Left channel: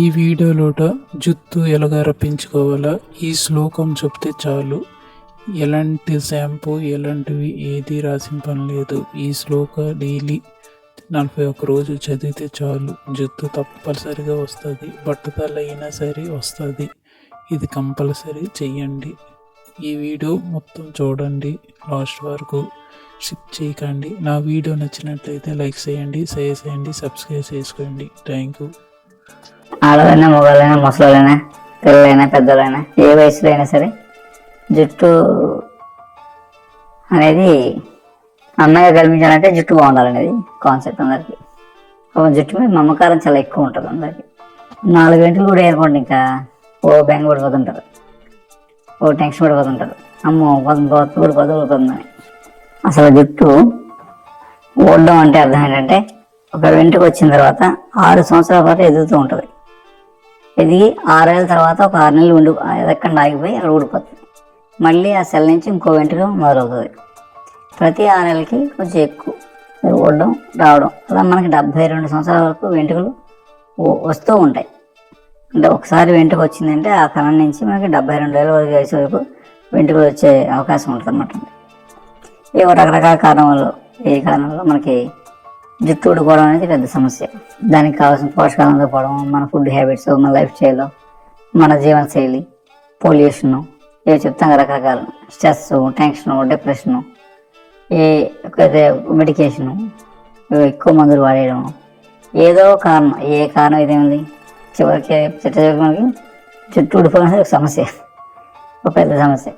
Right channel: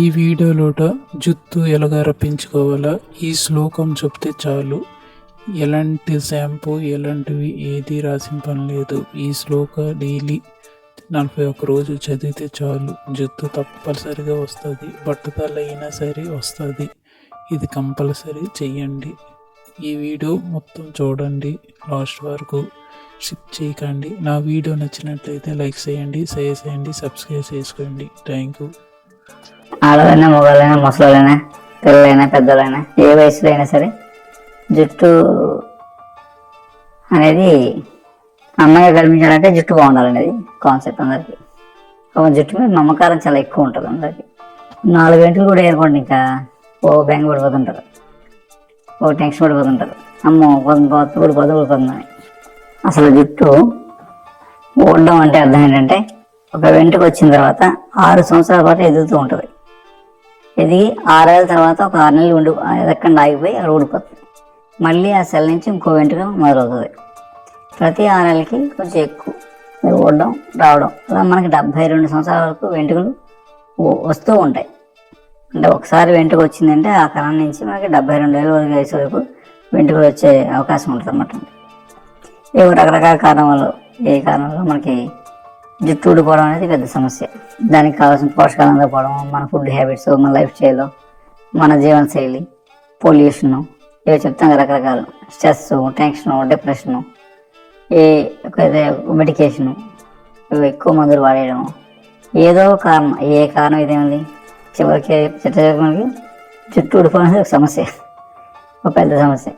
ఈ వీడియోలోట జుత్తు ఎలాగ రప్పించుకోవాలా ఈ శ్లోకం చెప్తే చాలు. ఎలాంటి షాంపూ ఎలాంటివి ఏది రాసిన పని లేదు ఈ శ్లోక డైలీ నలభై ఒక్క రోజు చదివితే చాలు. జుత్తు తప్పనిసరిగా వస్తుంది. బట్టతల అయినా సరే వస్తుంది. ఇది కంపల్సరీ చెయ్యండి. ఈ వీడియో మొత్తం చూడండి. లాస్ట్ వరకు స్కిప్ చేయకండి. నా వీడియో నచ్చినట్లయితే లైక్ చేయండి షేర్ చేయండి సబ్స్క్రైబ్ చేసుకోండి. థ్యాంక్ యూ ఆడలైనా మగవాళ్ళైనా ముసలైనా పిల్లలైనా పెద్దలైనా ఏ వయసులో అయినా సరే జుట్టు అనేది అందంగా కనిపించాలంటే జుట్టు బాగుండాలనేది కాన్సెప్ట్ అందరికి. ఒక జుట్టు మీద మమకారం చాలా ఎక్కువ ఉంటుంది అందరికి. నాలుగు గంటలు కూడా ఏర్పడి ఇంకా ఓ బెంగ పడిపోతుంటారు ఓ టెన్షన్ పడిపోతుంటారు అమ్మో పడిపోతుంది పడిపోతుంది పడిపోతుందని అసలు జుట్టు ఊడడం అంటే అర్థం ఏంటంటే ఒక వెంటకు వచ్చిన తర్వాత ఆరు సంవత్సరాల పాటు ఎదుగుతూ ఉంటుంది. ఎదిగి ఆరేళ్ళ తర్వాత ఒక ఆరు నెలలు ఉండి ఎదక్కండి ఆగిపోయి అక్కడ ఊడిపోతుంది. మళ్ళీ ఆ సెల్ నుంచి ఇంకో వెంట్రుక మొదలవుతుంది. ప్రతి ఆరేళ్ళకి కొంచెం ఎక్కువ ఊడడం రావడం అలా మనకి డెబ్బై రెండు సంవత్సరాల వరకు వెంట్రుకలు వస్తూ ఉంటాయి. అంటే ఒకసారి వెంట్రుక వచ్చిందంటే ఆ కణం నుంచి మనకి డెబ్బై రెండు వేల వయసు వరకు వెంట్రుకలు వచ్చే అవకాశం ఉంటుంది అన్నమాట ఇవి రకరకాల కారణాలు ఏ కారణంలో మనకి జుట్టు ఊడిపోవడం అనేది పెద్ద సమస్య. దానికి కావాల్సిన పోషకాలు అందకపోవడం మన ఫుడ్ హ్యాబిట్స్ మన లైఫ్ స్టైల్ మన జీవన శైలి పొల్యూషన్ ఇవి చెప్తాం రకరకాల రకరకాలు. స్ట్రెస్ టెన్షన్ డిప్రెషను ఏ మెడికేషను ఎక్కువ మందులు వాడేయడం. ఏదో కారణం. ఏ కారణం ఇదేమిది చివరికి చిట్ట చివరికి మనకి జుట్టు ఊడిపోవడం అనేది ఒక సమస్య. ఒక పెద్ద సమస్య.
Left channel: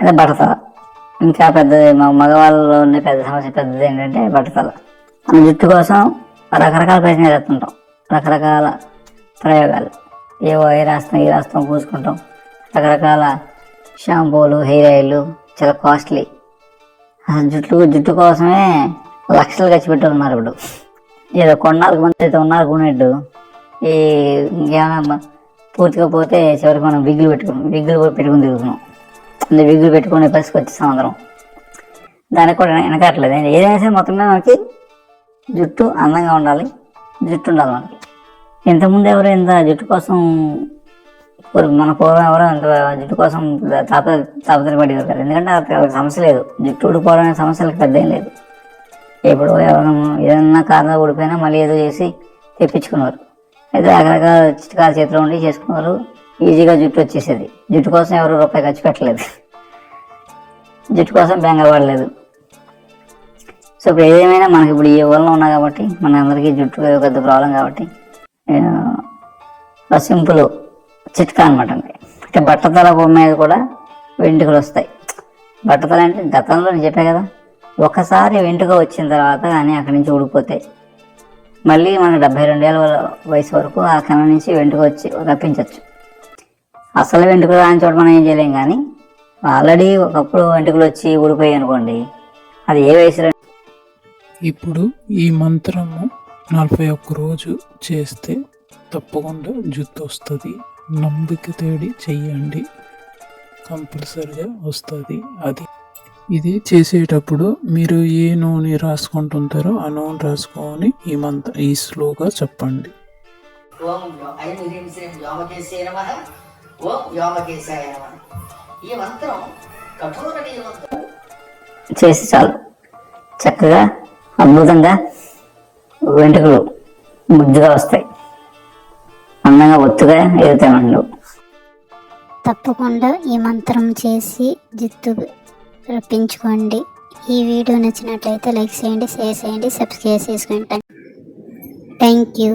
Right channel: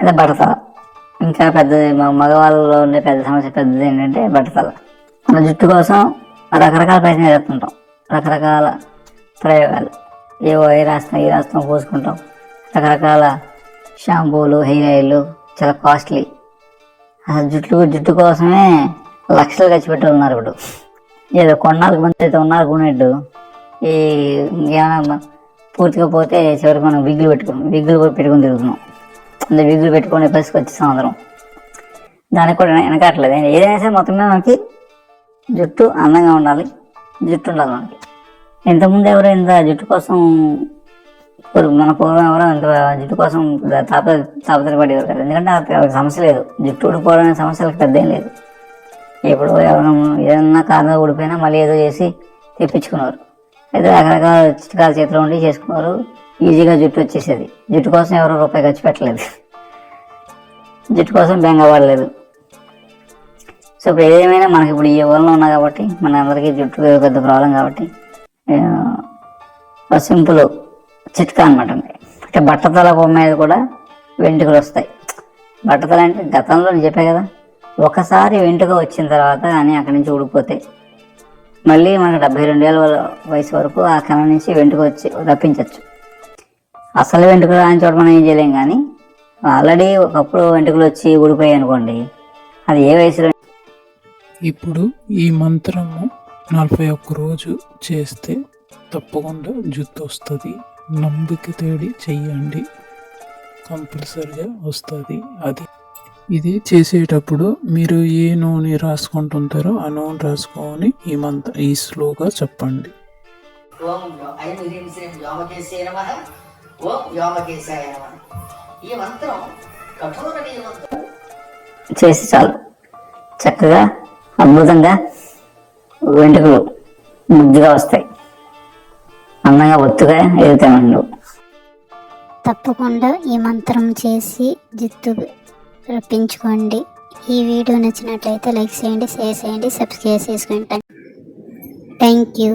అంటే భర్త ఇంకా పెద్దది మా మగవాళ్ళలో ఉండే పెద్ద సమస్య పెద్దది ఏంటంటే బట్టతల. మన జుట్టు కోసం రకరకాల ప్రయత్నాలు చేస్తుంటాం. రకరకాల ప్రయోగాలు. ఏవో ఏ రాస్తాం ఏ రాస్తాం పూసుకుంటాం. రకరకాల షాంపూలు హెయిర్ ఆయిల్ చాలా కాస్ట్లీ. అసలు జుట్టు జుట్టు కోసమే లక్షలు ఖర్చు పెట్టి ఉన్నారు ఇప్పుడు. ఏదో కొన్నాళ్ళకి ముందు అయితే ఉన్నారు కొనేట్టు ఈ ఇంకేమైనా పూర్తిగా పోతే చివరికి మనం విగ్గులు పెట్టుకున్నాం. విగ్గులు కూడా పెట్టుకుని తిరుగుతున్నాం. అందులో విగులు పెట్టుకునే పరిస్థితి వచ్చేసాం అందరం దానికి కూడా వెనకట్లేదు. ఏదైనా సరే మొత్తం మీద మనకి జుట్టు అందంగా ఉండాలి. జుట్టు ఉండాలి మనకి. ఇంతకుముందు ఎవరు ఇంత జుట్టు కోసం మన పూర్వం ఎవరో ఇంత జుట్టు కోసం తాప తాపత్ర పడేవారు కదా. ఎందుకంటే వాళ్ళకి సమస్య లేదు. జుట్టు ఊడిపోవడం అనే సమస్యలకు పెద్ద ఏం లేదు. ఎప్పుడు ఎవరైనా ఏదన్నా కారణం ఊడిపోయినా మళ్ళీ ఏదో చేసి తెప్పించుకున్నారు. అయితే రకరకాల చిట్కాల చేతిలో ఉండి చేసుకున్నారు. ఈజీగా జుట్టు వచ్చేసేది. జుట్టు కోసం ఎవరు రూపాయి ఖర్చు పెట్టలేదు. జుట్టు కోసం బెంగ పడలేదు సో ఇప్పుడు ఏదేమైనా మనకి ఇప్పుడు ఈ ఊళ్ళో ఉన్నా కాబట్టి మన అందరికీ జుట్టు పెద్ద ప్రాబ్లం కాబట్టి ఆ, సింపుల్ చిట్కా అనమాట అండి. అంటే బట్టతల మీద కూడా వెంట్రుకలు వస్తాయి. బట్టతల అంటే గతంలో చెప్పే కదా ఒకసారి వెంట్రుక వచ్చిన తర్వాత అని అక్కడి నుంచి ఊడిపోతాయి. మళ్ళీ మనకు డెబ్బై రెండేళ్ళ వయసు వరకు ఆ కళ నుంచి వెంట్రుక వచ్చి రప్పించవచ్చు అసలు వెంట్రుకలు రాని చోట మనం ఏం చేయలేం కానీ ఆల్రెడీ ఒకప్పుడు వెంట్రుకలు వచ్చి ఊడిపోయాయి అనుకోండి అది ఏ వయసులో ఇప్పుడు ఈ మంత్రము నలభై ఒక్క రోజు చేస్తే తప్పకుండా జుత్తు వస్తుంది. నమ్మిక తేడి చెయ్యండి. కంపల్సరిగా వస్తుంది. అది ఇది చేసేటప్పుడు మీరు ఏ నూనె రాసుకుంటుంటారో ఆ నూనె రాసుకొని ఈ మంత్ర ఈ స్లోగా చెప్పండి. ఓం ఓం వ్యోమకేశాయ నమ ఈ మంత్రం. కఠోర చేసి చాలు. చక్కగా అద్భుతంగా వెంట్రుకలు ముద్దుగా వస్తాయి. అందంగా ఒత్తుగా ఎదుగుతామండు తప్పకుండా ఈ మంత్రం చేసి జుట్టు రప్పించుకోండి. ఈ వీడియో నచ్చినట్లయితే లైక్ చేయండి షేర్ చేయండి సబ్స్క్రైబ్ చేసుకోండి. Thank you.